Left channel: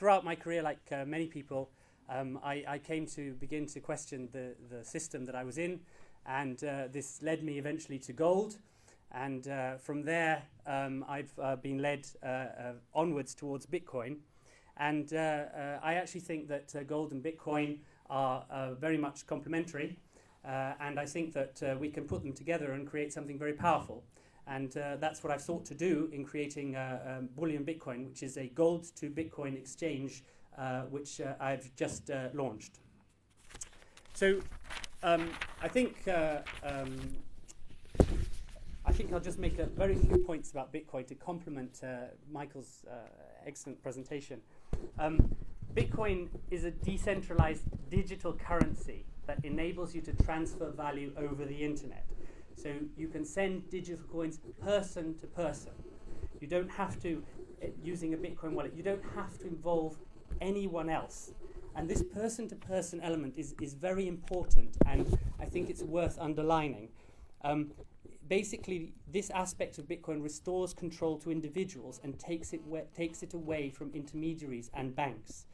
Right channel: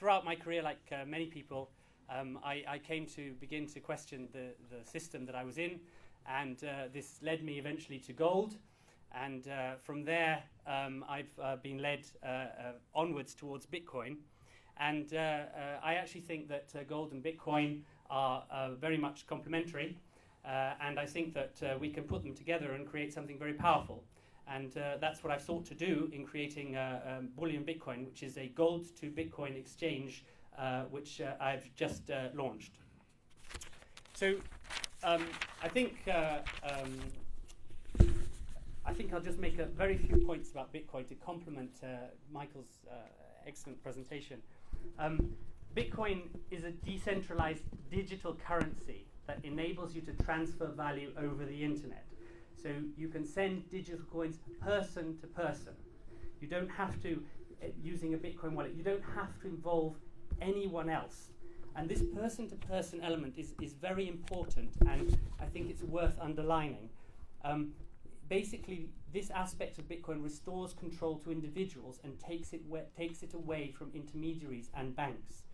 throughout my career, like many people, I came to begin to question the system that I was in, and this led me eventually to gold. And from there, I've been led onwards towards Bitcoin. And I actually think that gold and Bitcoin are very much complementary. And I think that we can put them together and create something very powerful. And that's what I've sought to do in creating Bullion Bitcoin, which is a gold to Bitcoin exchange, which I've just launched. So I think I'll just make a very few points about Bitcoin to complement Michael's excellent presentation. Bitcoin is a decentralized digital currency that enables you to transfer value over the internet. So you can send digital coins person to person. You don't have to, using a Bitcoin wallet, you don't have to involve anyone else. And this person-to-person element is very important, and I think it's worth underlining. Basically, this aspect of Bitcoin restores control to individuals and takes it away from intermediaries and banks.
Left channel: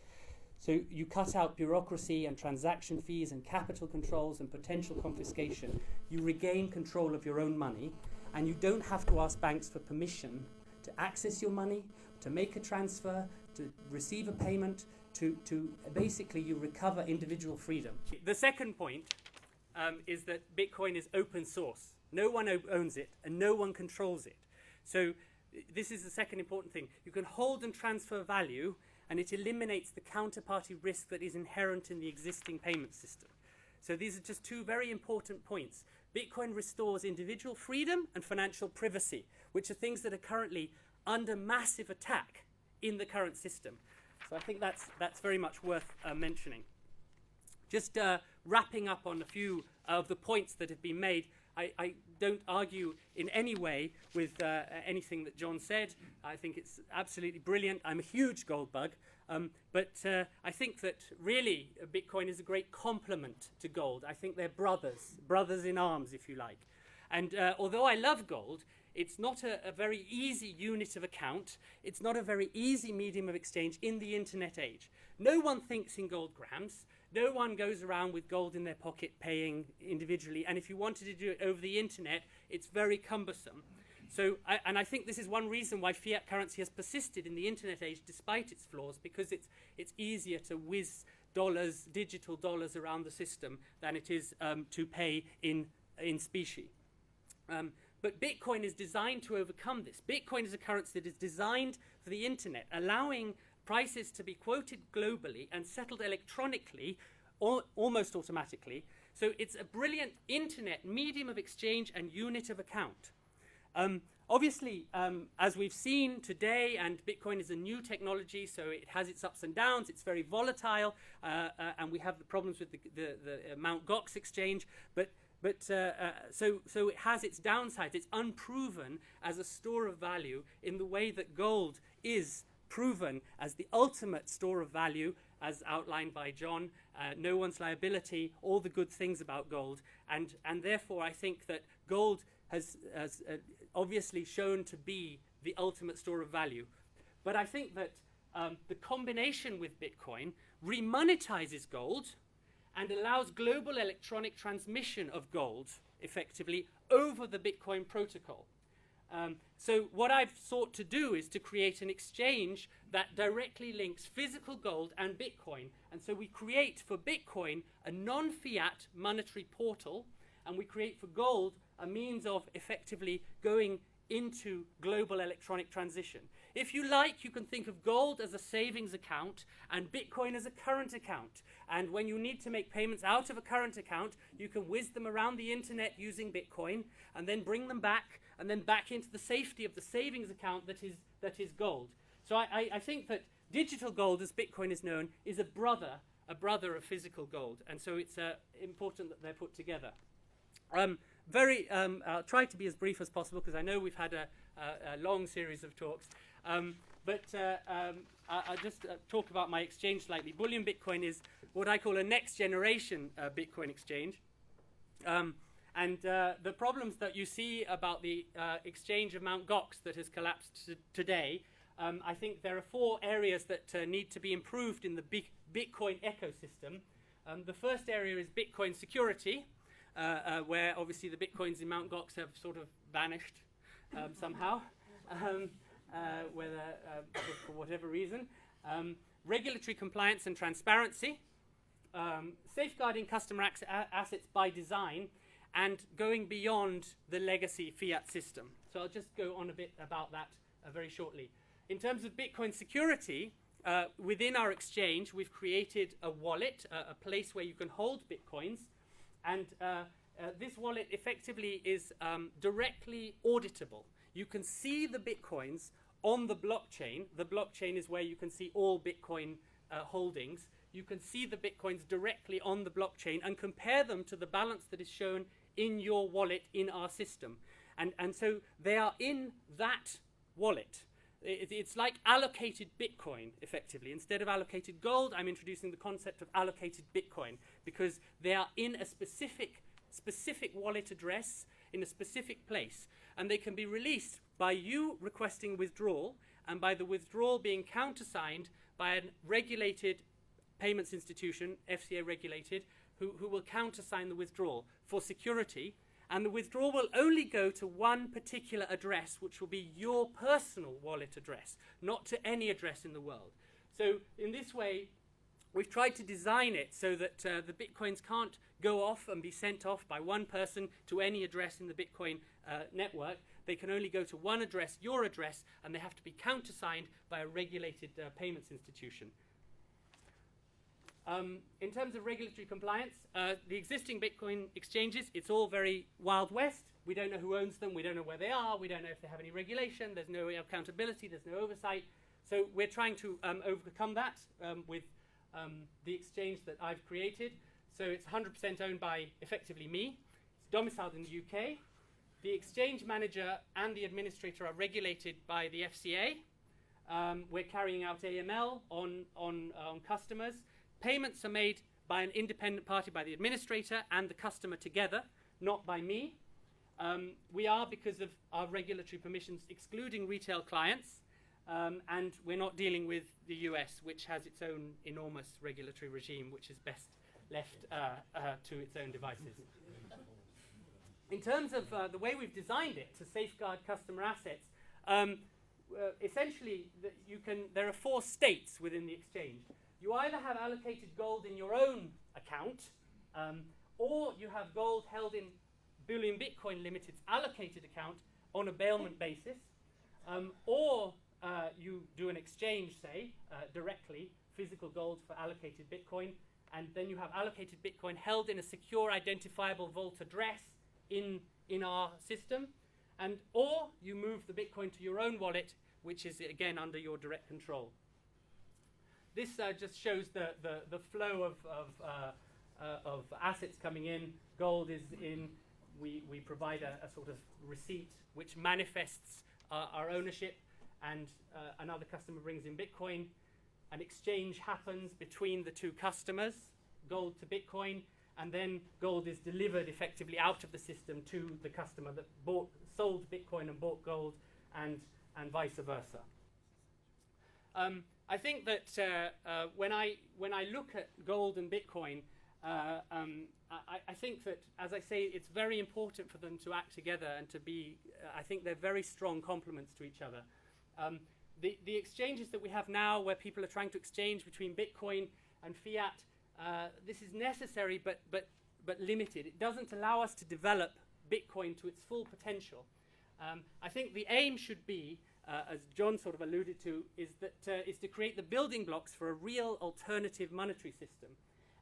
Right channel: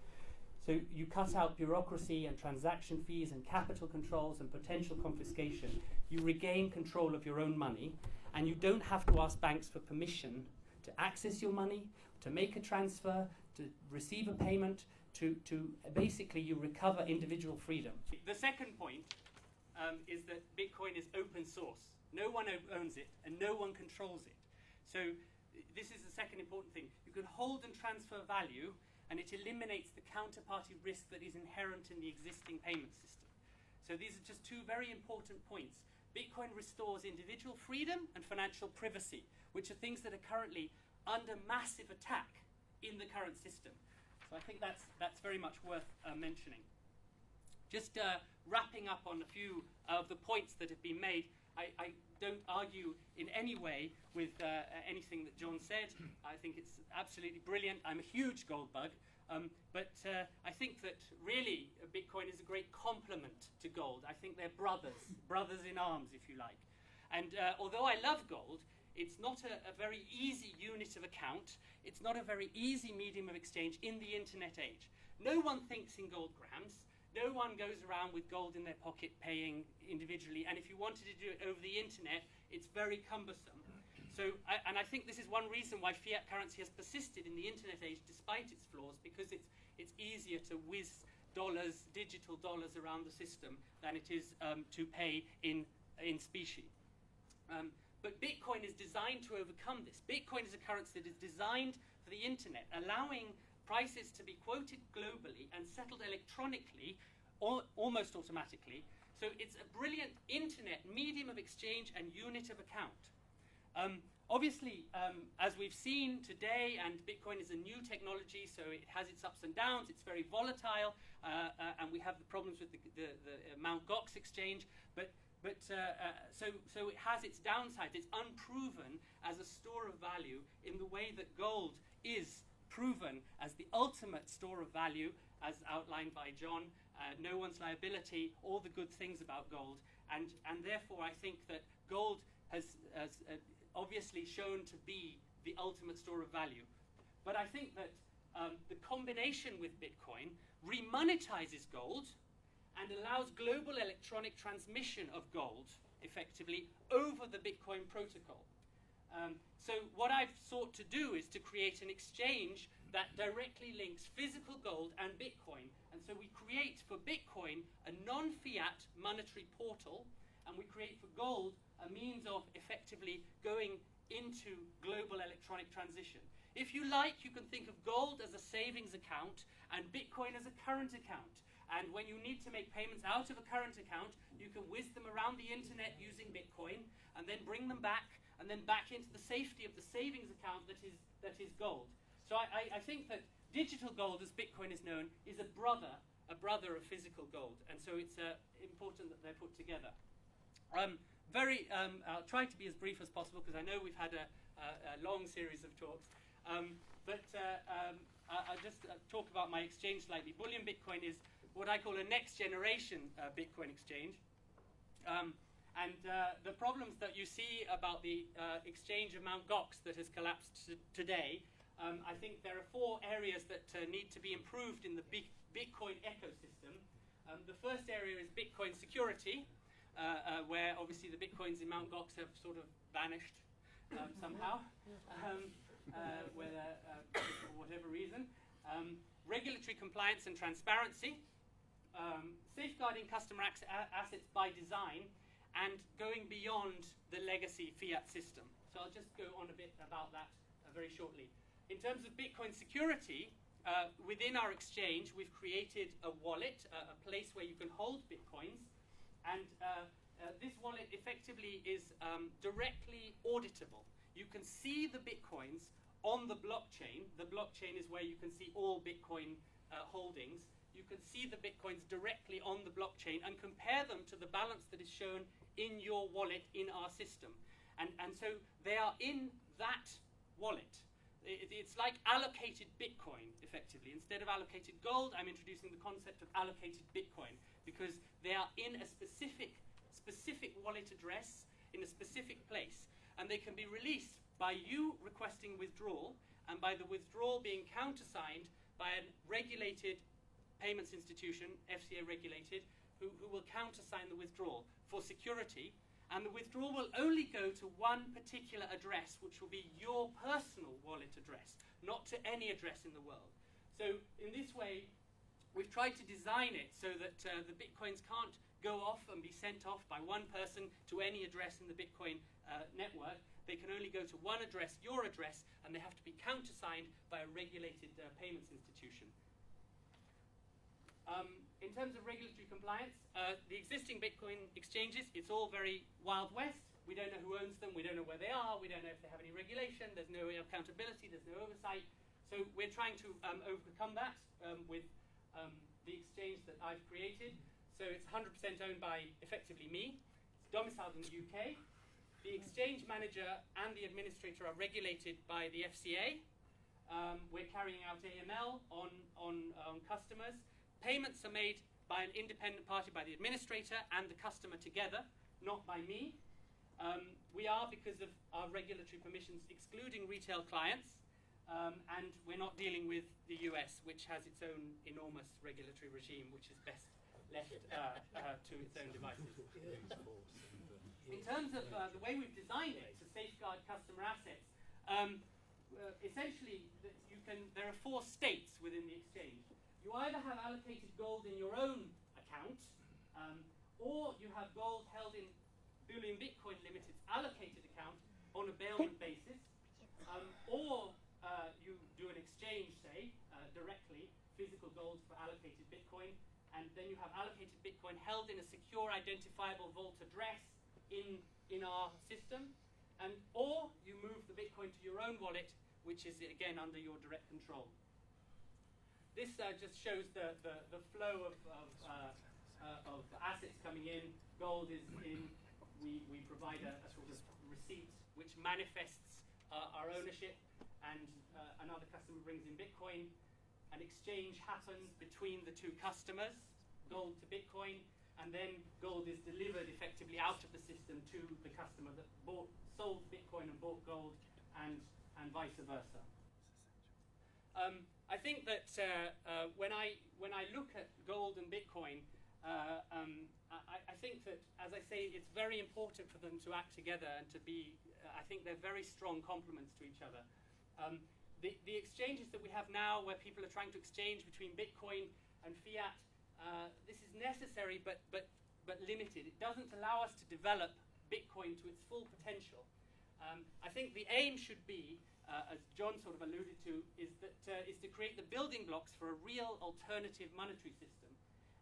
So you cut out bureaucracy and transaction fees and capital controls and potential confiscation. You regain control of your own money, and you don't have to ask banks for permission to access your money, to make a transfer, to receive a payment, to basically you recover individual freedom. The second point is that Bitcoin is open source. No one owns it and no one controls it. So this is the second important thing. You can hold and transfer value, and it eliminates the counterparty risk that is inherent in the existing payment system. So these are just two very important points. Bitcoin restores individual freedom and financial privacy, which are things that are currently under massive attack in the current system. So I think that's very much worth mentioning. Just wrapping up on a few of the points that have been made, I don't argue in any way with anything that John said. I think it's absolutely brilliant. I'm a huge gold bug. But I think that really Bitcoin is a great complement to gold. I think they're brothers in arms, if you like. And although I love gold, it's not a very easy unit of account. It's not a very easy medium of exchange in the internet age. No one thinks in gold grams. No one goes around with gold in their pocket paying individually. And if you wanted to do it over the internet, it's very cumbersome. So, I think this is one reason why fiat currency has persisted in the internet age despite its flaws, because it's easier to whiz digital dollars around the system than it is to pay in specie. But Bitcoin is designed to overcome this. Bitcoin is a currency that is designed for the internet, allowing prices to be quoted globally and settled electronically, almost automatically. So it's a brilliant internet medium of exchange and unit of account. Obviously, as we've seen today, and Bitcoin is a new technology, so it has its ups and downs, it's very volatile, and we have the problems with the Mt. Gox exchange, so it has its downsides. It's unproven as a store of value in the way that gold is proven as the ultimate store of value, as outlined by John. No one's liability, all the good things about gold, and therefore I think that gold has obviously shown to be the ultimate store of value. But I think that the combination with Bitcoin remonetizes gold and allows global electronic transmission of gold effectively over the Bitcoin protocol. So what I've sought to do is to create an exchange that directly links physical gold and Bitcoin. And so we create for Bitcoin a non-fiat monetary portal, and we create for gold a means of effectively going into global electronic transition. If you like, you can think of gold as a savings account and Bitcoin as a current account. And when you need to make payments out of a current account, you can whiz them around the internet using Bitcoin and then bring them back and then back into the safety of the savings account that is gold. So I think that digital gold, as Bitcoin is known, is a brother of physical gold. And so it's important that they're put together. I'll try to be as brief as possible because I know we've had a long series of talks. I'll just talk about my exchange slightly. Bullion Bitcoin is what I call a next generation Bitcoin exchange. And the problems that you see about the exchange of Mt. Gox that has collapsed today I think there are 4 areas that need to be improved in the Bitcoin ecosystem. The first area is Bitcoin security, where obviously the Bitcoins in Mt. Gox have sort of vanished somehow, whether for whatever reason. Regulatory compliance and transparency, safeguarding customer assets by design, and going beyond the legacy fiat system. So I'll just go on a bit about that very shortly. In terms of Bitcoin security, within our exchange, we've created a wallet, a place where you can hold Bitcoins, and this wallet effectively is directly auditable. You can see the Bitcoins on the blockchain. The blockchain is where you can see all Bitcoin holdings. You can see the Bitcoins directly on the blockchain and compare them to the balance that is shown in your wallet in our system. And so they are in that wallet. It's like allocated Bitcoin, effectively. Instead of allocated gold, I'm introducing the concept of allocated Bitcoin, because they are in a specific wallet address in a specific place. And they can be released by you requesting withdrawal, and by the withdrawal being countersigned by a regulated payments institution, FCA regulated, who will countersign the withdrawal for security. And the withdrawal will only go to one particular address, which will be your personal wallet address, not to any address in the world. So in this way, we've tried to design it so that the Bitcoins can't go off and be sent off by one person to any address in the Bitcoin network. They can only go to one address, your address, and they have to be countersigned by a regulated payments institution. In terms of regulatory compliance, the existing Bitcoin exchanges, it's all very Wild West. We don't know who owns them. We don't know where they are. We don't know if they have any regulation. There's no accountability. There's no oversight. So we're trying to overcome that with the exchange that I've created. So it's 100% owned by, effectively, me. It's domiciled in the UK. The exchange manager and the administrator are regulated by the FCA. We're carrying out AML on customers. Payments are made by an independent party, by the administrator and the customer together, not by me. We are, because of our regulatory permissions, excluding retail clients, and we're not dealing with the US, which has its own enormous regulatory regime, which is best left to its own devices. In terms of the way we've designed it to safeguard customer assets, essentially, there are 4 states within the exchange. You either have allocated gold in your own account, or you have gold held in Bullion Bitcoin Limited's allocated account on a bailment basis, or you do an exchange, say, directly, physical gold for allocated Bitcoin, and then you have allocated Bitcoin held in a secure identifiable vault address in our system, or you move the Bitcoin to your own wallet, which is, again, under your direct control. This just shows the flow of assets coming in. Gold is in. We provide a sort of receipt which manifests our ownership, and another customer brings in Bitcoin. An exchange happens between the 2 customers, gold to Bitcoin, and then gold is delivered effectively out of the system to the customer that sold Bitcoin and bought gold, and vice versa. I think that when I look at gold and Bitcoin, I think that, as I say, it's very important for them to act together and to be, I think they're very strong complements to each other. The exchanges that we have now, where people are trying to exchange between Bitcoin and fiat, this is necessary but limited. It doesn't allow us to develop Bitcoin to its full potential. I think the aim should be, as John sort of alluded to, is to create the building blocks for a real alternative monetary system.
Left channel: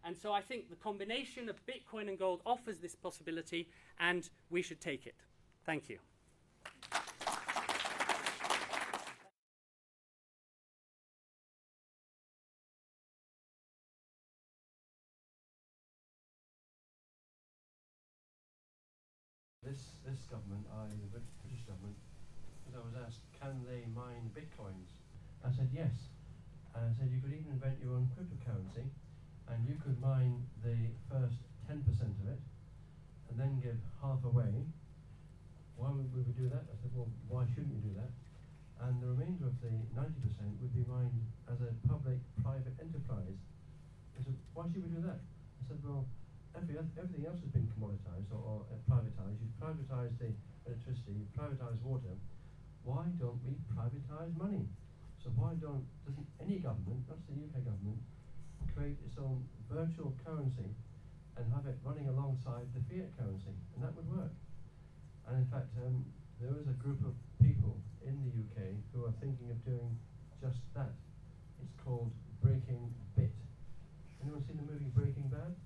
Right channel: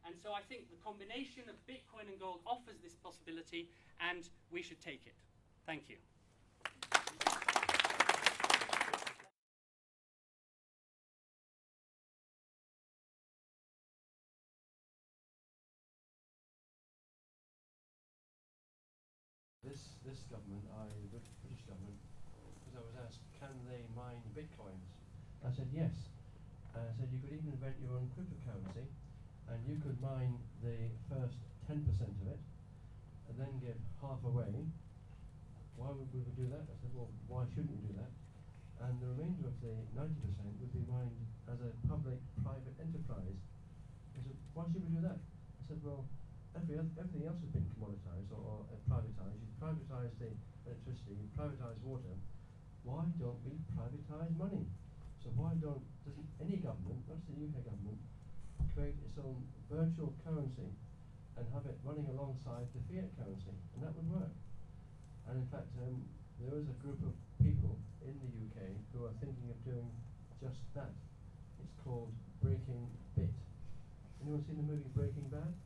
And so I think the combination of Bitcoin and gold offers this possibility, and we should take it. Thank you. This government, the British government, because I was asked, can they mine Bitcoins? I said yes. And I said you could even invent your own cryptocurrency, and you could mine the first 10% of it, and then give half away. Why would we do that? I said, well, why shouldn't we do that? and the remainder of the 90% would be mined as a public-private enterprise. I said, why should we do that? I said, well, everything else has been commoditized or privatized. You've privatized the electricity, you've privatized water. Why don't we privatize money? So doesn't any government, not just the UK government, create its own virtual currency and have it running alongside the fiat currency? And that would work. And in fact, there is a group of people in the UK who are thinking of doing just that. It's called Breaking Bit. Anyone seen the movie Breaking Bad?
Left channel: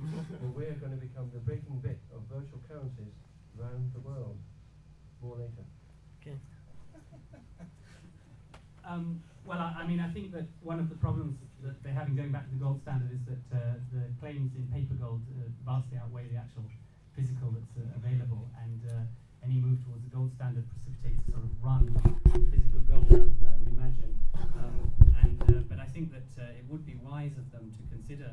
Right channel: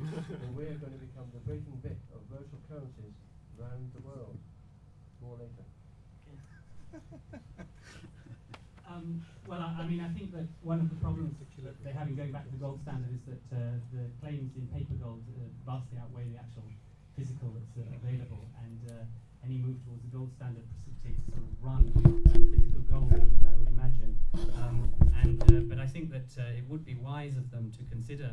Well, we're going to become the breaking bit of virtual currencies around the world. More later. Okay. Well, I mean, I think that one of the problems that they're having going back to the gold standard is that the claims in paper gold vastly outweigh the actual physical that's available, and any move towards the gold standard precipitates a sort of run on physical gold, I would imagine. But I think that it would be wise of them to consider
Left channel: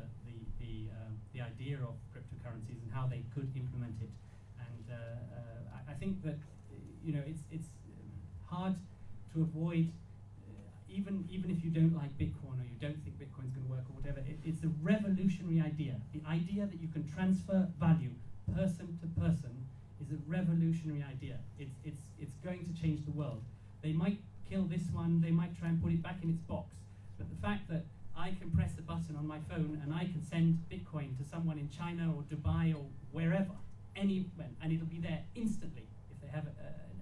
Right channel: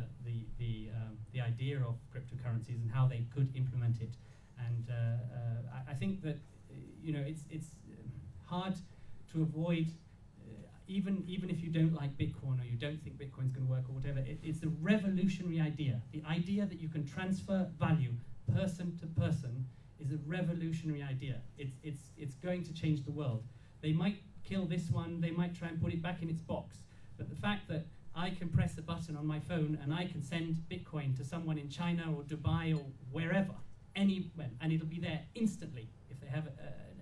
the idea of cryptocurrencies and how they could implement it. And I think that it's hard to avoid. Even if you don't like Bitcoin or you don't think Bitcoin's going to work or whatever, it's a revolutionary idea. The idea that you can transfer value person to person is a revolutionary idea. It's going to change the world. They might kill this one, they might try and put it back in its box, but the fact that I can press a button on my phone and I can send Bitcoin to someone in China or Dubai or wherever, anywhere, and it'll be there instantly if they have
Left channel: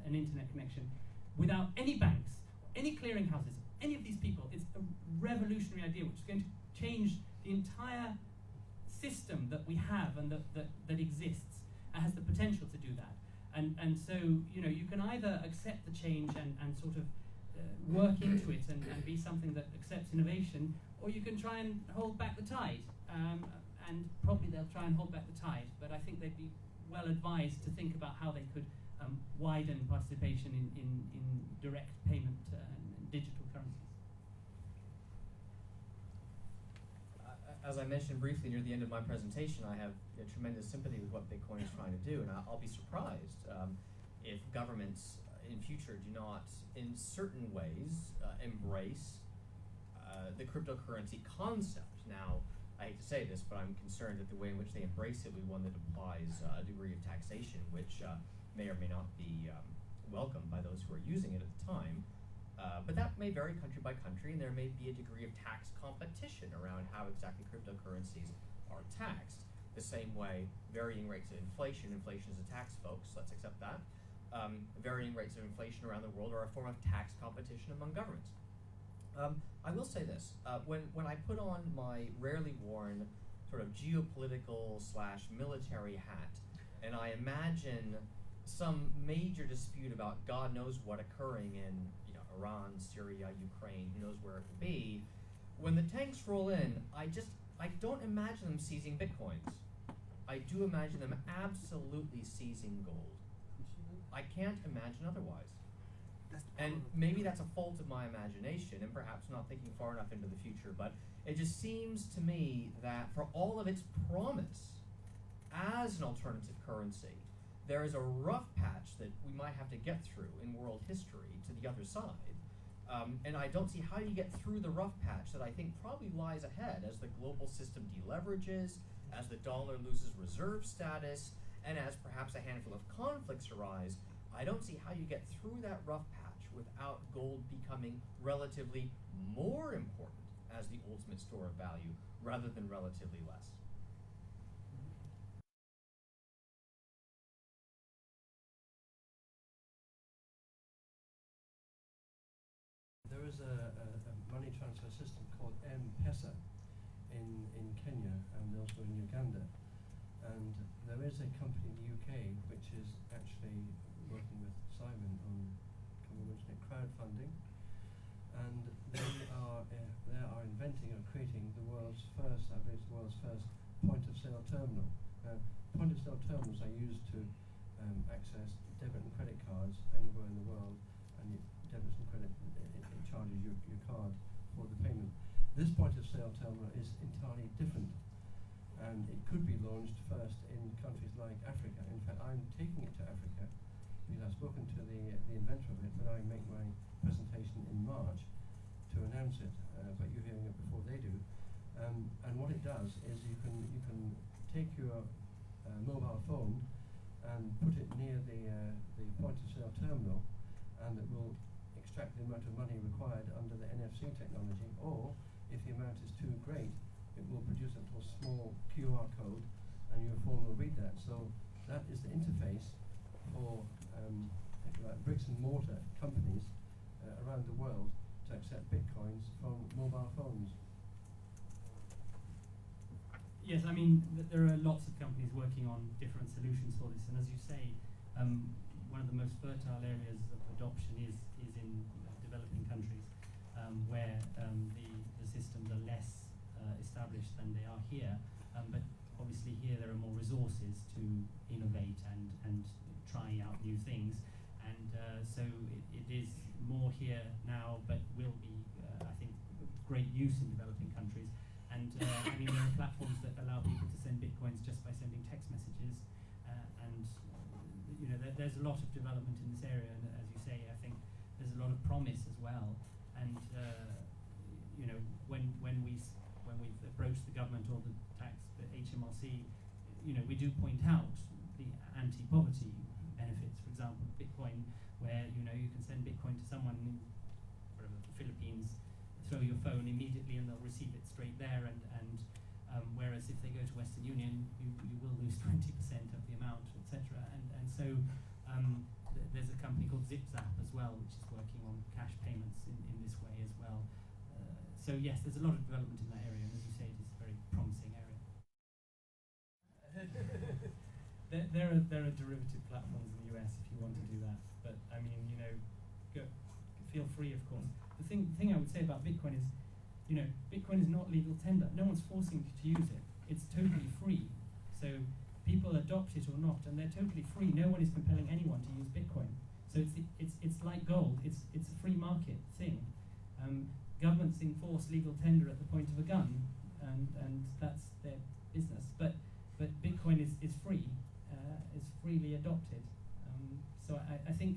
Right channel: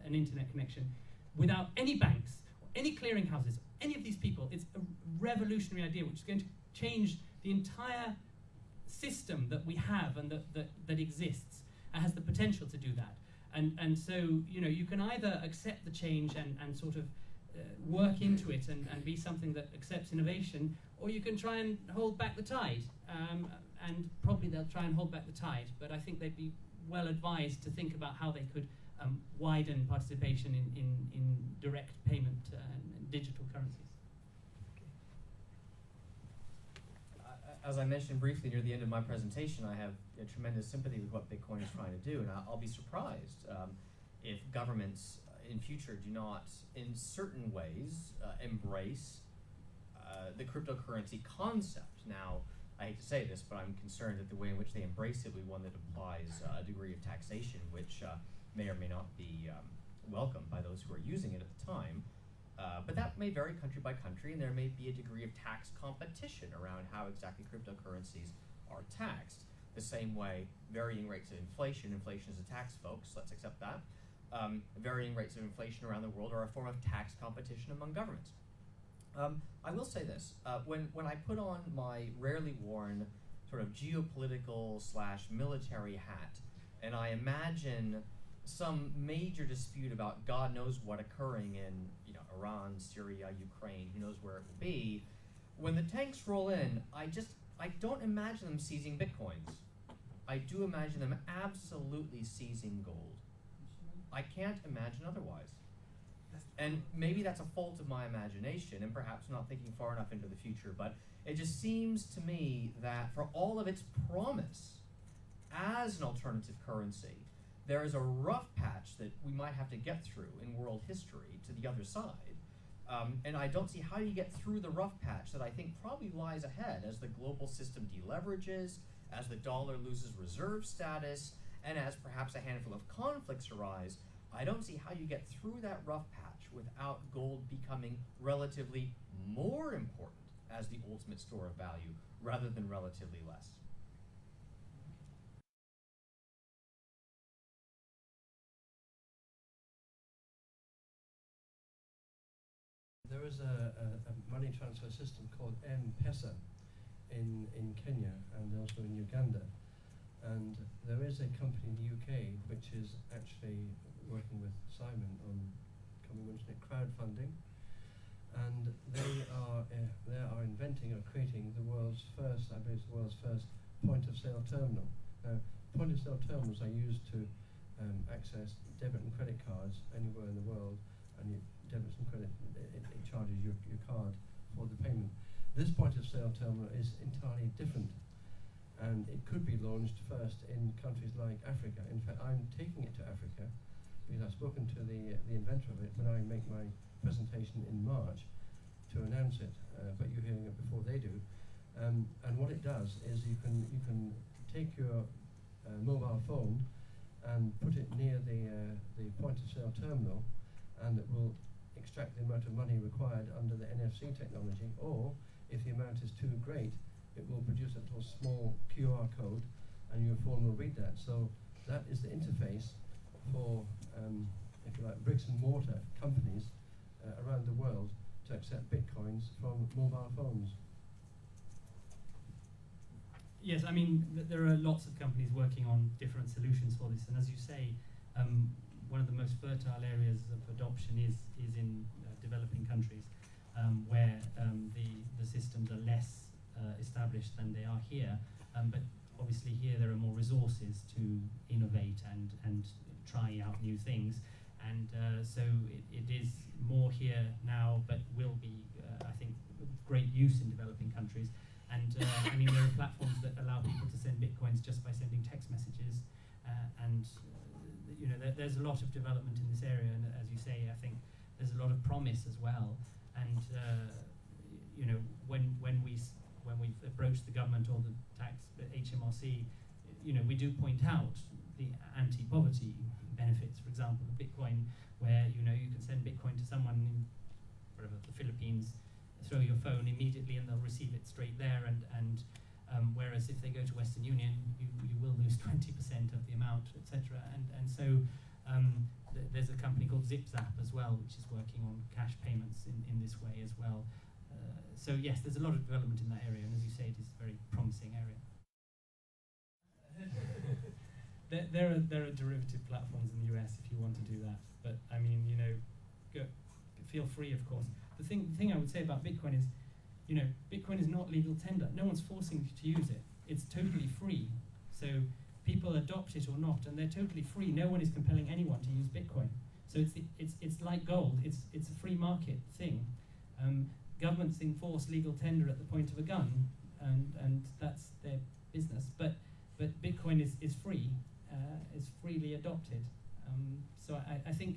an internet connection, without any banks, any clearinghouses, any of these people. It's a revolutionary idea which is going to change the entire system that we have and that exists, and has the potential to do that. And so, you can either accept the change and sort of work into it and be something that accepts innovation, or you can try and hold back the tide. And probably they'll try and hold back the tide, but I think they'd be well advised to think about how they could widen participation in direct payment and digital currencies. As I mentioned briefly near the end of my presentation, I have tremendous sympathy with what Bitcoin is trying to do, and I'll be surprised if governments in future do not, in certain ways, embrace the cryptocurrency concept. Now, I hate to say this, but I'm concerned that the way in which they embrace it will be one that applies a degree of taxation, which may or may not be welcomed by those who are using it at the time. But that may vary country by country, and there may be a degree of tax competition around how exactly cryptocurrencies are taxed. The same way varying rates of inflation is a tax, folks, let's accept that. Varying rates of inflation around the world are a form of tax competition among governments. I will say this, when I put on my rarely worn sort of geopolitical / military hat, and I imagine some major dispute about God knows what occurring in Iran, Syria, Ukraine, who knows where it will be, when the tanks roll in, I don't imagine them seizing bitcoins. I do imagine them absolutely seizing gold. I can't imagine otherwise. And maybe that's a fault of my imagination and perhaps not thinking far enough into the future, but it just seems to me that for all of its promise as an alternative currency, there is a rough patch that we might have to get through in world history to the other side. And I don't see how you get through the rough patch that I think probably lies ahead as the global system deleverages, as the dollar loses reserve status, and as perhaps a handful of conflicts arise. I don't see how you get through that rough patch without gold becoming relatively more important as the ultimate store of value rather than relatively less. There is a money transfer system called M-Pesa in Kenya and also in Uganda. And there is a company in the UK which is actually working with Simon on, can we mention it, crowdfunding. And they are inventing or creating the world's first, I believe, the world's first point-of-sale terminal. Now, point-of-sale terminals are used to access debit and credit cards anywhere in the world, and debits and credit, it charges your card for the payment. This point-of-sale terminal is entirely different, and it could be launched first in countries like Africa. In fact, I'm taking it to Africa because I've spoken to the inventor of it when I make my presentation in March to announce it, but you're hearing it before they do. And what it does is you can take your mobile phone and put it near the point of sale terminal, and it will extract the amount of money required under the NFC technology, or if the amount is too great, it will produce a little small QR code and your phone will read that. So that is the interface for, if you like, bricks and mortar companies around the world to accept bitcoins from mobile phones. Yes, I mean, there are lots of companies working on different solutions for this, and as you say, one of the most fertile areas of adoption is in developing countries, where the systems are less established than they are here, but obviously here there are more resources to innovate and try out new things, and so it is more here now, but will be, I think, great use in developing countries. And I mean, there are platforms that allow people to send bitcoins just by sending text messages, and you know, there's a lot of development in this area, and as you say, I think there's a lot of promise as well. And you know, when we've approached the government or the HMRC, you know, we do point out the anti-poverty benefits, for example, of Bitcoin, where you know you can send Bitcoin to someone in wherever, the Philippines, throw your phone immediately and they'll receive it straight there, and whereas if they go to Western Union, you will lose 20% of the amount, etc. And so there's a company called ZipZap as well, which is working on cash payments in this way as well. So yes, there's a lot of development in that area, and as you say, it is a very promising area. There are derivative platforms in the US if you want to do that, but I mean, you know, feel free, of course. The thing I would say about Bitcoin is, you know, Bitcoin is not legal tender. No one's forcing you to use it. It's totally free. So people adopt it or not, and they're totally free. No one is compelling anyone to use Bitcoin. So it's like gold. It's a free market thing. Governments enforce legal tender at the point of a gun, and that's their business. But Bitcoin is free. It's freely adopted. So I think,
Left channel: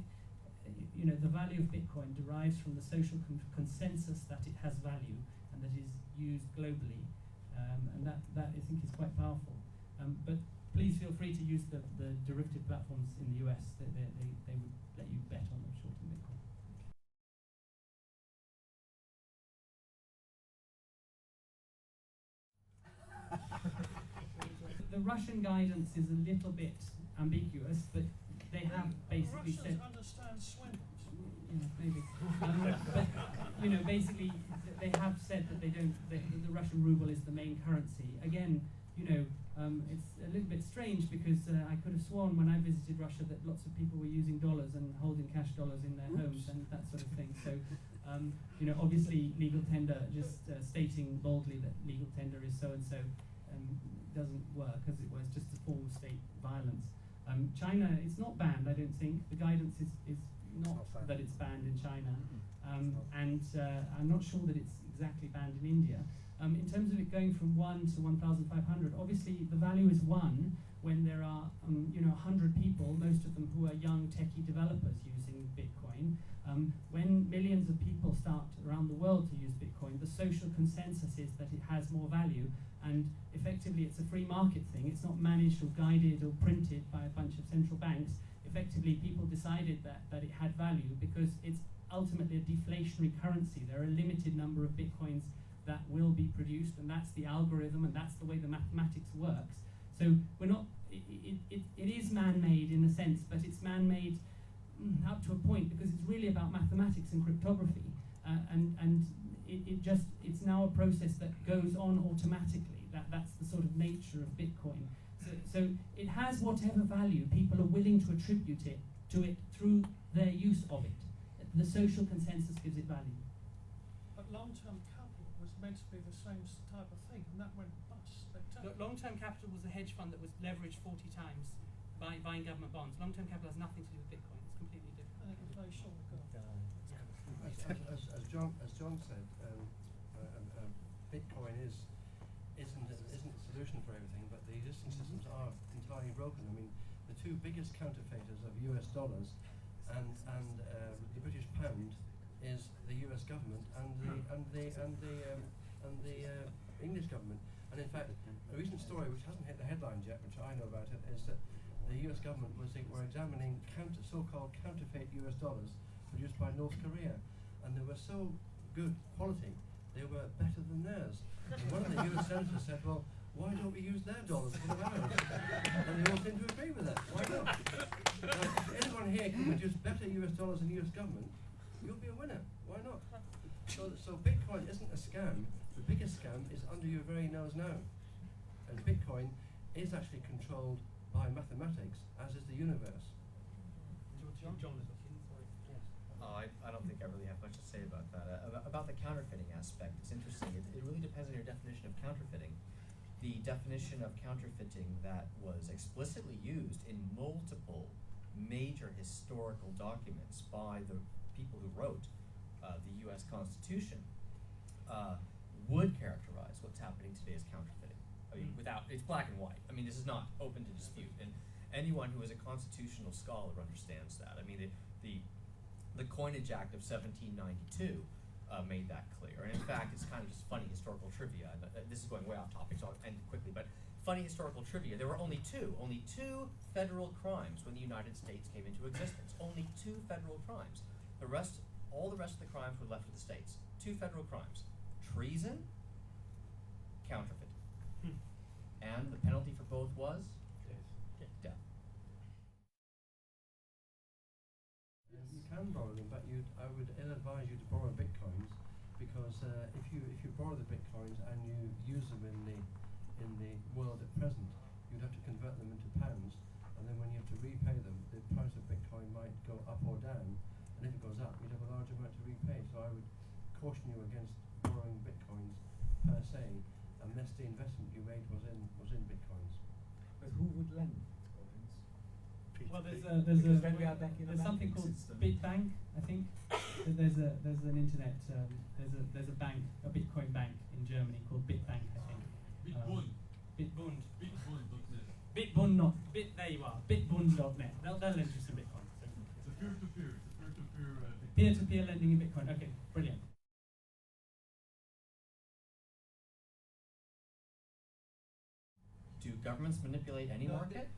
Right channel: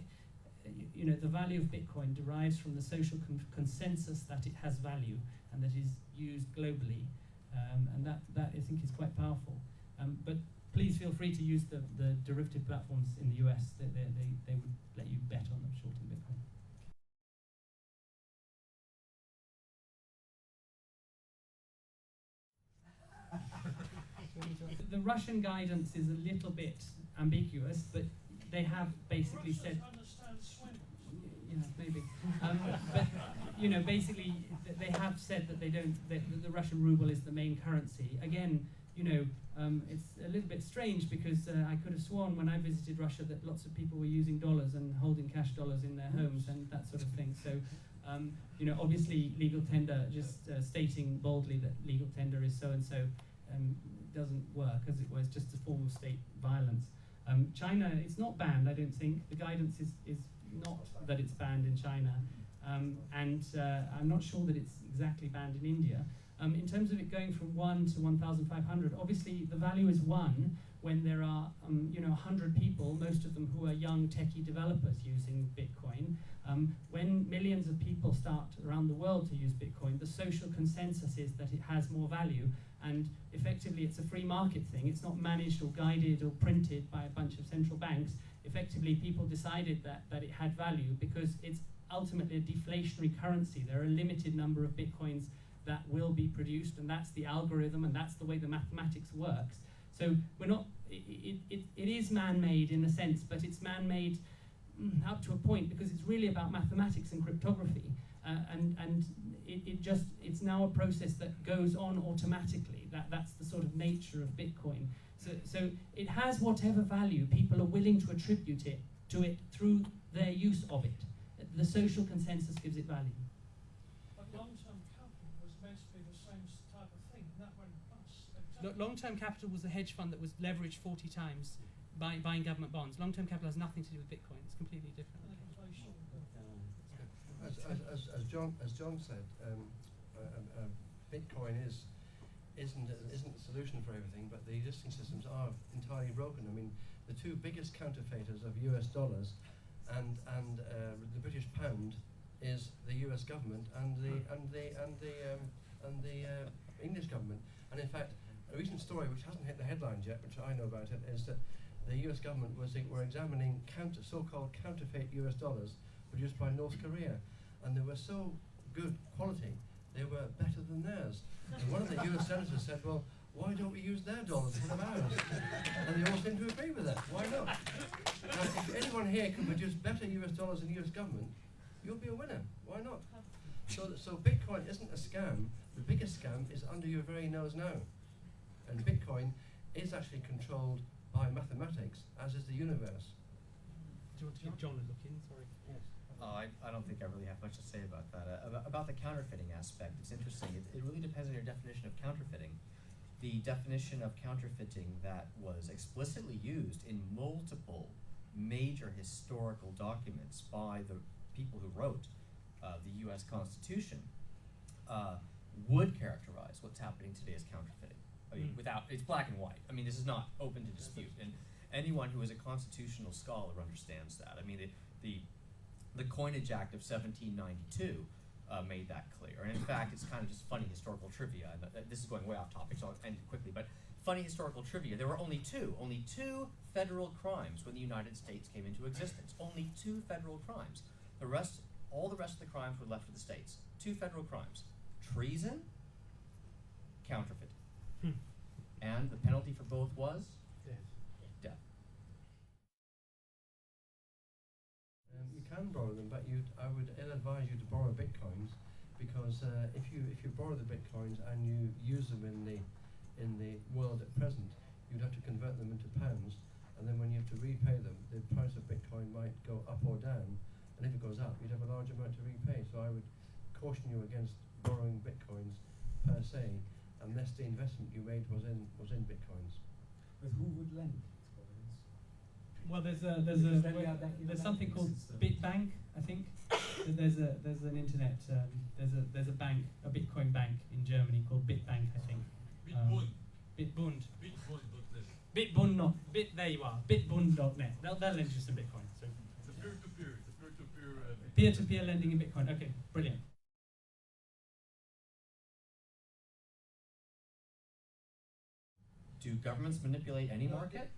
you know, the value of Bitcoin derives from the social consensus that it has value and that is used globally, and that I think is quite powerful. But please feel free to use the derivative platforms in the US. They would let you bet on them shorting Bitcoin. The Russian guidance is a little bit ambiguous, but they have basically said. Yeah, maybe. But you know, basically, they have said that the Russian ruble is the main currency. Again, you know, it's a little bit strange because I could have sworn when I visited Russia that lots of people were using dollars and holding cash dollars in their homes and that sort of thing. So, you know, obviously, legal tender, just stating boldly that legal tender is so and so, doesn't work, as it was just a form of state violence. China, it's not banned, I don't think. The guidance is not that it's banned in China, and I'm not sure that it's exactly banned in India. In terms of it going from 1 to 1,500, obviously the value is 1 when there are you know, 100 people, most of them who are young techie developers using Bitcoin. When millions of people start around the world to use Bitcoin, the social consensus is that it has more value, and effectively it's a free market thing. It's not managed or guided or printed by a bunch of central banks. Effectively, people decided that it had value because it's ultimately a deflationary currency. There are a limited number of Bitcoins that will be produced, and that's the algorithm, and that's the way the mathematics works. So we're not, it is man-made in a sense, but it's man-made up to a point because it's really about mathematics and cryptography, and it's now a process that goes on automatically. That's the sort of nature of Bitcoin. So it has whatever value people are willing to attribute it to it through their use of it. The social consensus gives it value. But long-term capital was meant to be the same type of thing, and that went bust. Long-term capital was a hedge fund that was leveraged 40 times by buying government bonds. Long-term capital has nothing to do with Bitcoin. It's completely different. As John said, Bitcoin isn't a solution for everything, but the existing systems are entirely broken. I mean, the two biggest counterfeiters of US dollars and the British pound is the US government and the English government. And in fact, a recent story which hasn't hit the headlines yet, which I know about it, is that the US government were examining so-called counterfeit US dollars produced by North Korea, and they were so good quality, they were better than theirs. And one of the US senators said, well, why don't we use their dollars instead of ours? And they all seem to agree with that. Why not? Now, if anyone here can produce better US dollars than the US government, you'll be a winner. Why not? So Bitcoin isn't a scam. The biggest scam is under your very nose now. And Bitcoin is actually controlled by mathematics, as is the universe. Do you want to give John a look in? Sorry. Yes. I don't think I really have much to say about that. About the counterfeiting aspect, it's interesting. It really depends on your definition of counterfeiting. The definition of counterfeiting that was explicitly used in multiple major historical documents by the people who wrote the U.S. Constitution would characterize what's happening today as counterfeiting. I mean, it's black and white. I mean, this is not open to dispute, and anyone who is a constitutional scholar understands that. I mean, the Coinage Act of 1792 made that clear, and in fact, it's kind of just funny historical trivia. And this is going way off topic, so I'll end it quickly. But funny historical trivia: there were only two federal crimes when the United States came into existence. Only 2 federal crimes. All the rest of the crimes were left to the states. 2 federal crimes: treason, counterfeiting. And the penalty for both was death. You can borrow them, but I would advise you to borrow bitcoins, because if you borrow the bitcoins and you use them in the world at present, you'd have to convert them into pounds, and then when you have to repay them, the price of Bitcoin might go up or down, and if it goes up, you'd have a large amount to repay. So I would caution you against borrowing bitcoins per se, unless the investment you made was in bitcoins. But who would lend bitcoins? Well, there's there's something called BitBank, I think. There's an internet there's a bank, a Bitcoin bank in Germany called BitBank, I think. Bitbund. Bitbund, not Bit. There you are. Bitbund.net. They'll lend you some Bitcoin. So. It's a peer-to-peer. Peer-to-peer lending in Bitcoin. Okay, brilliant. Do governments manipulate any market?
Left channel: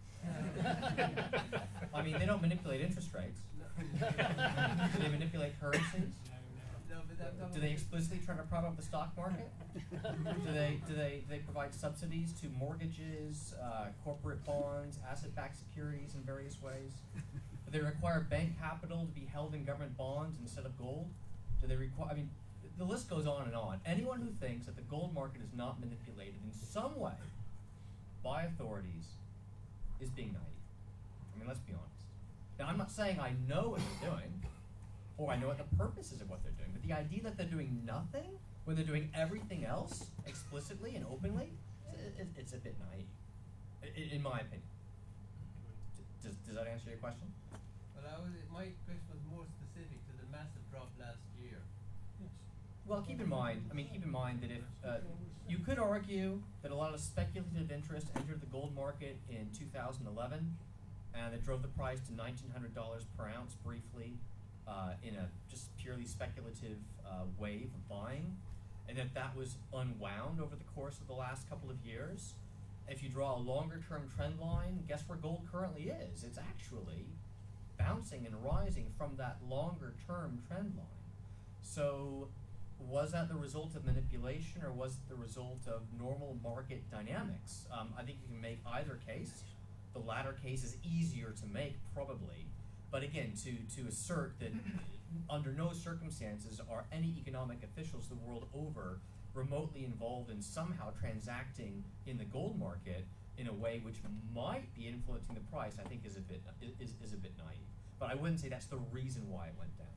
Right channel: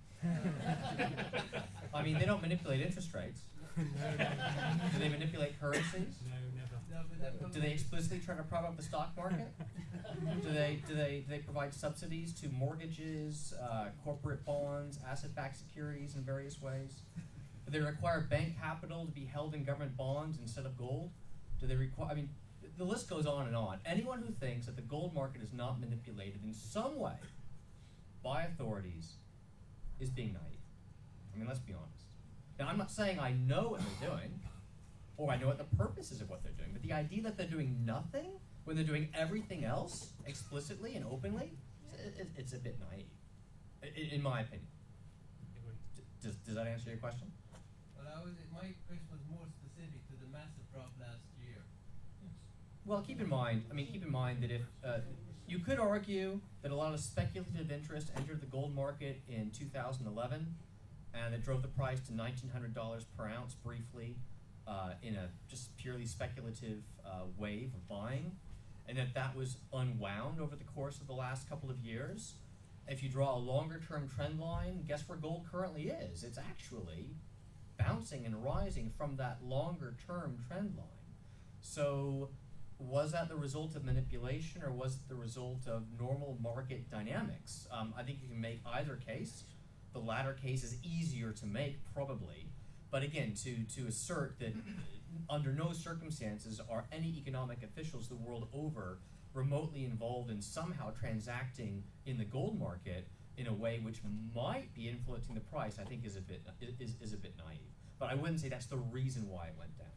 I mean, they don't manipulate interest rates. Do they manipulate currencies? No, never. Do they explicitly try to prop up the stock market? Do they provide subsidies to mortgages, corporate bonds, asset-backed securities in various ways? Do they require bank capital to be held in government bonds instead of gold? Do they require? I mean, the list goes on and on. Anyone who thinks that the gold market is not manipulated in some way by authorities is being naive. I mean, let's be honest. Now, I'm not saying I know what they're doing, or I know what the purposes of what they're doing, but the idea that they're doing nothing when they're doing everything else explicitly and openly, it's a bit naive, in my opinion. Does that answer your question? Well, my question was more specific to the massive drop last year. Yes. Well, keep in mind that if you could argue that a lot of speculative interest entered the gold market in 2011, and it drove the price to $1,900 per ounce briefly in a just purely speculative wave of buying, and that was unwound over the course of the last couple of years. If you draw a longer-term trend line, guess where gold currently is? It's actually bouncing and rising from that longer-term trend line. So was that the result of manipulation, or was it the result of normal market dynamics? I think you can make either case. The latter case is easier to make, probably. But again, to assert that under no circumstances are any economic officials the world over remotely involved in somehow transacting in the gold market in a way which might be influencing the price, I think is a bit naive. But I wouldn't say that's the reason why it went down.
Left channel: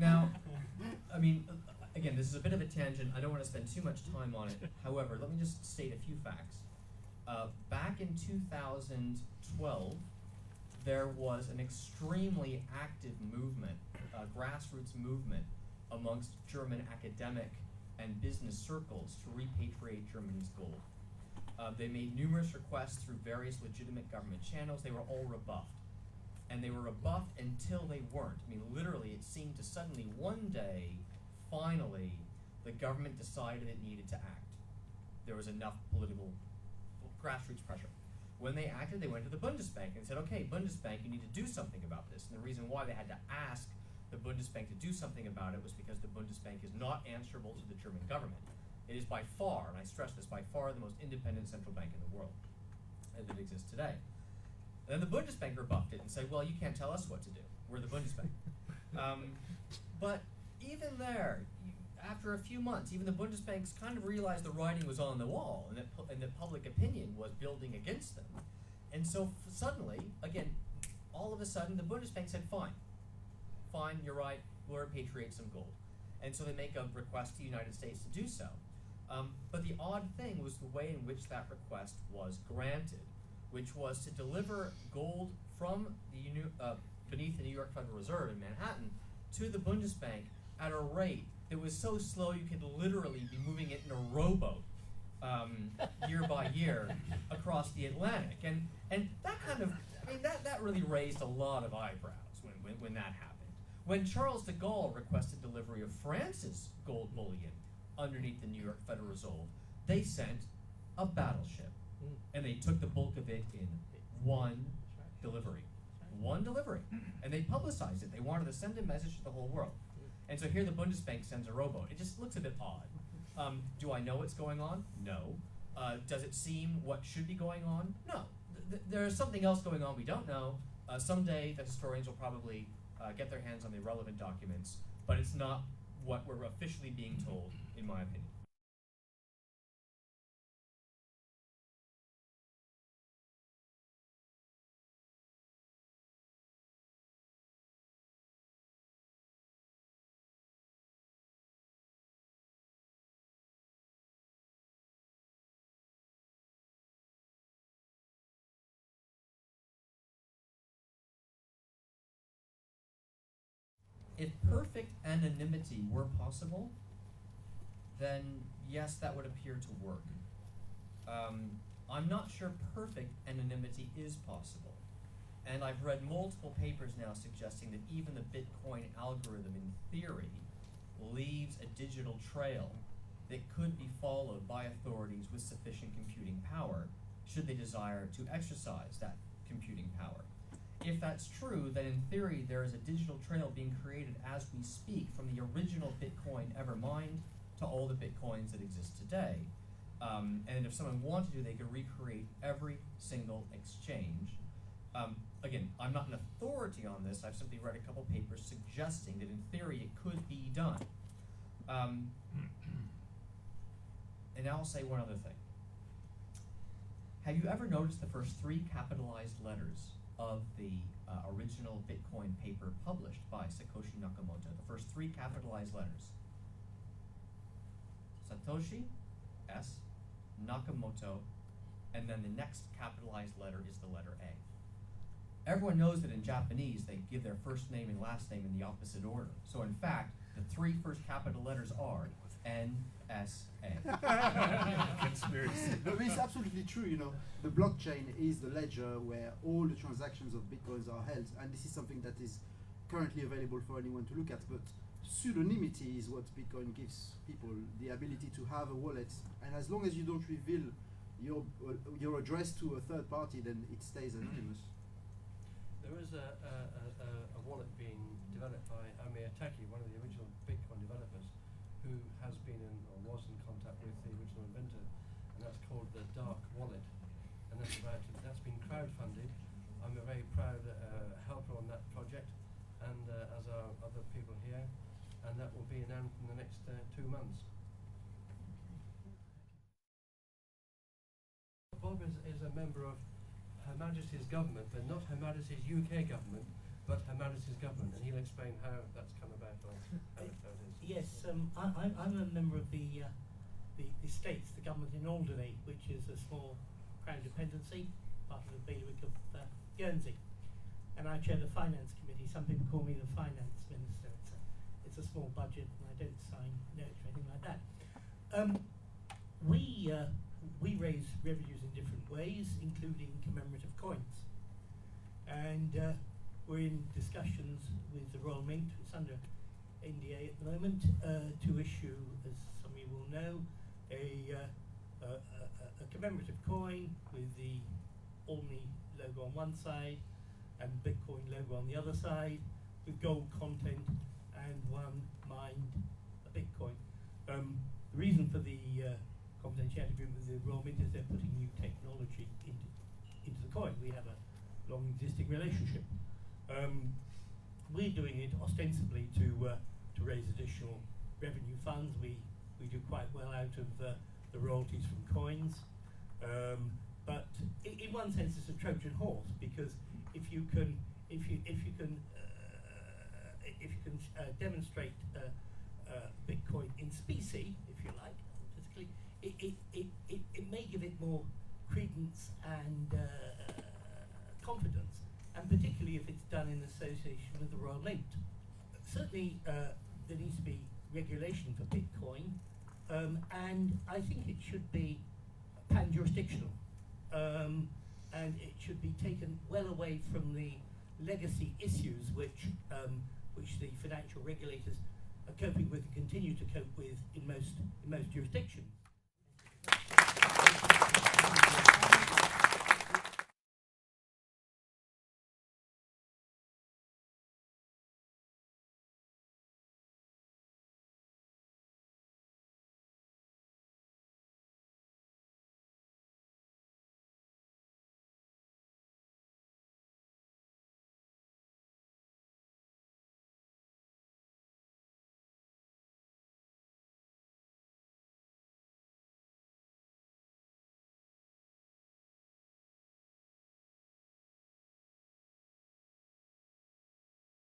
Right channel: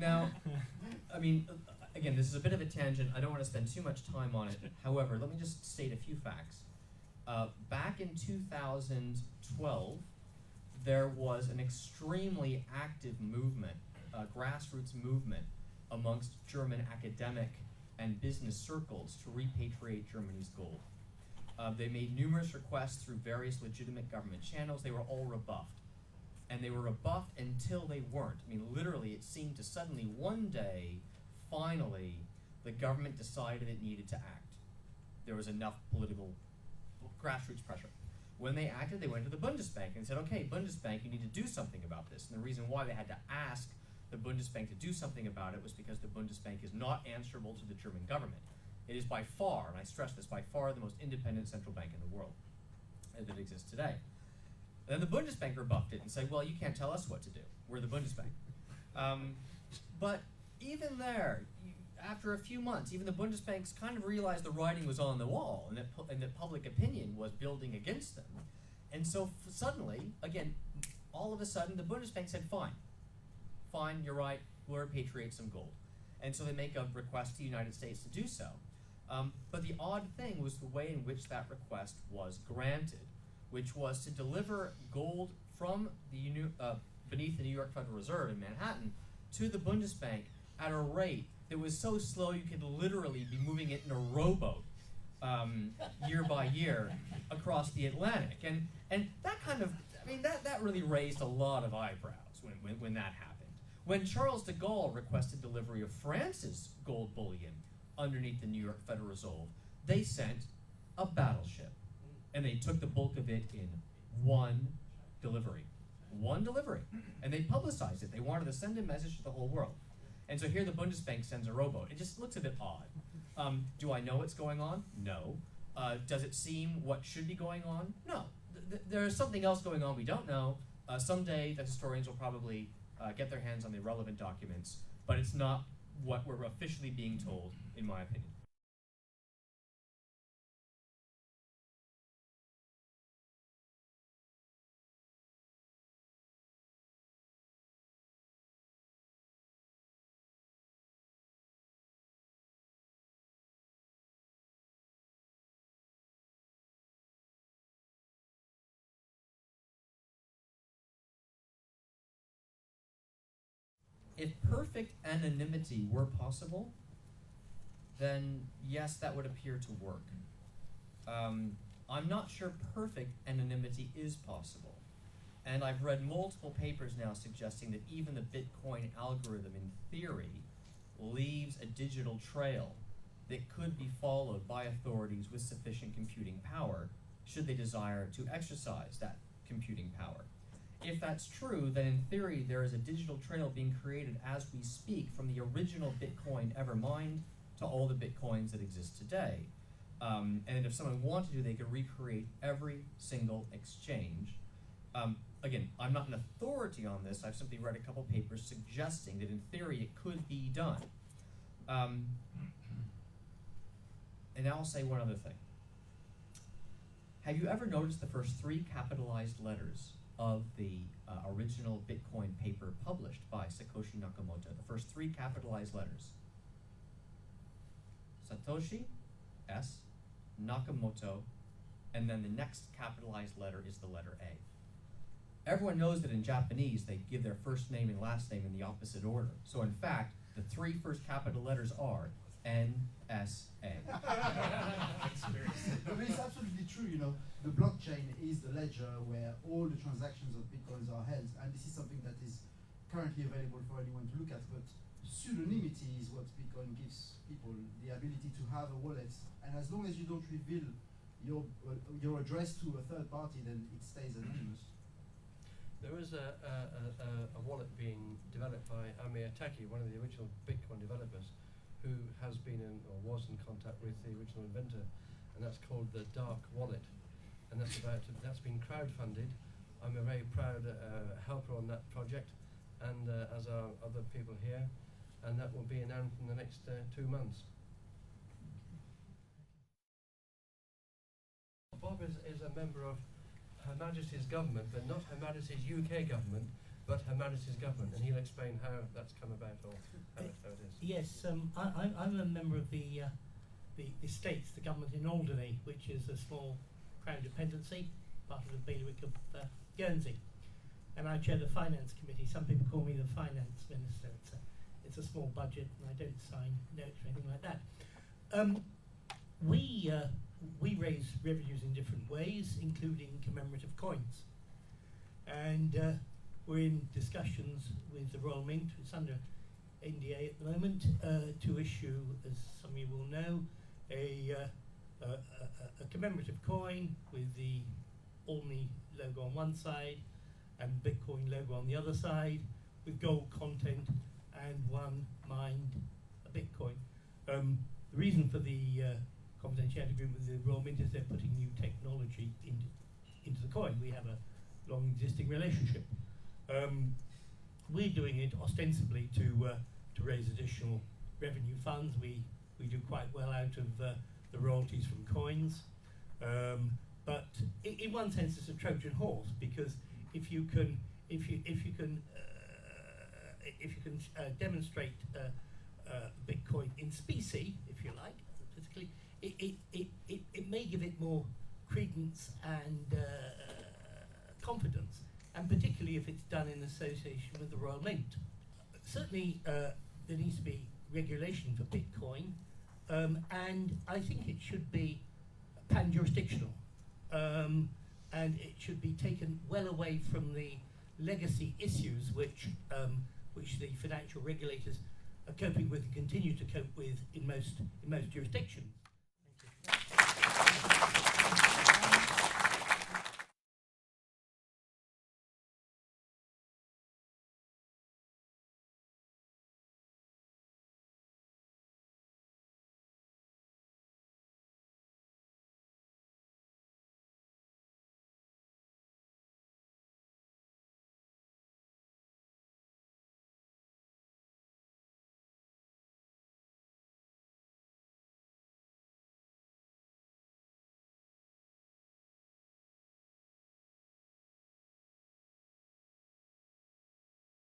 Now, I mean, again, this is a bit of a tangent. I don't want to spend too much time on it. However, let me just state a few facts. Back in 2012, there was an extremely active movement, grassroots movement, amongst German academic and business circles to repatriate Germany's gold. They made numerous requests through various legitimate government channels. They were all rebuffed. And they were rebuffed until they weren't. I mean, literally, it seemed to suddenly one day, finally, the government decided it needed to act. There was enough political grassroots pressure. When they acted, they went to the Bundesbank and said, okay, Bundesbank, you need to do something about this. And the reason why they had to ask the Bundesbank to do something about it was because the Bundesbank is not answerable to the German government. It is by far, and I stress this, by far the most independent central bank in the world that exists today. Then the Bundesbank rebuffed it and said, well, you can't tell us what to do. We're the Bundesbank. But even there, after a few months, even the Bundesbanks kind of realized the writing was on the wall and that public opinion was building against them. And so suddenly, again, all of a sudden, the Bundesbank said, fine, you're right, we'll repatriate some gold. And so they make a request to the United States to do so. But the odd thing was the way in which that request was granted, which was to deliver gold from the beneath the New York Federal Reserve in Manhattan to the Bundesbank at a rate that was so slow you could literally be moving it in a rowboat year by year across the Atlantic. And that kind of, I mean, that really raised a lot of eyebrows when that happened. When Charles de Gaulle requested delivery of France's gold bullion underneath the New York Federal Reserve, they sent a battleship. And they took the bulk of it in one delivery. One delivery. And they publicized it. They wanted to send a message to the whole world. And so here the Bundesbank sends a rowboat. It just looks a bit odd. Do I know what's going on? No. Does it seem what should be going on? No. There is something else going on we don't know. Someday the historians will probably get their hands on the relevant documents, but it's not what we're officially being told, in my opinion. If perfect anonymity were possible, then yes, that would appear to work. I'm not sure perfect anonymity is possible. And I've read multiple papers now suggesting that even the Bitcoin algorithm, in theory, leaves a digital trail that could be followed by authorities with sufficient computing power, should they desire to exercise that computing power. If that's true, then in theory there is a digital trail being created as we speak from the original Bitcoin ever mined to all the Bitcoins that exist today. And if someone wanted to, they could recreate every single exchange. Again, I'm not an authority on this. I've simply read a couple papers suggesting that in theory it could be done. And now I'll say one other thing. Have you ever noticed the first 3 capitalized letters of the original Bitcoin paper published by Satoshi Nakamoto? The first 3 capitalized letters. Satoshi, S, Nakamoto, and then the next capitalized letter is the letter A. Everyone knows that in Japanese they give their first name and last name in the opposite order. So in fact, the 3 first capital letters are NSA. But it's absolutely true, you know. The blockchain is the ledger where all the transactions of Bitcoins are held, and this is something that is currently available for anyone to look at. But pseudonymity is what Bitcoin gives people, the ability to have a wallet, and as long as you don't reveal your address to a third party, then it stays anonymous. There is a wallet being developed by Amir Taki, one of the original Bitcoin developers, who has been in or was in contact with the original inventor, and that's called the Dark Wallet, and that's been crowdfunded. I'm a very proud helper on that project, and as are other people here, and that will be announced in the next 2 months. Bob is a member of Her Majesty's government, but not Her Majesty's UK government, but Her Majesty's government, and he'll explain how that's come about or how it is. Yes, I'm a member of the States, the government in Alderney, which is a small crown dependency, part of the bailiwick of Guernsey. And I chair the finance committee. Some people call me the finance minister. It's a small budget, and I don't sign notes or anything like that. We raise revenues in different ways, including commemorative coins, and we're in discussions with the Royal Mint. It's under NDA at the moment to issue, as some of you will know, a commemorative coin with the Albany logo on one side and Bitcoin logo on the other side, with gold content and one mined Bitcoin. The reason for the confidentiality agreement with the Royal Mint is they're putting new technology into the coin. We have a long existing relationship. We're doing it ostensibly to raise additional revenue funds. We do quite well out of the royalties from coins, but in one sense it's a Trojan horse, because if you can demonstrate Bitcoin in specie, if you like, physically, it may give it more credence and confidence, and particularly if it's done in association with the Royal Mint. Certainly there needs to be regulation for Bitcoin, and I think it should be pan-jurisdictional, and it should be taken well away from the legacy issues which the financial regulators are coping with and continue to cope with in most jurisdictions.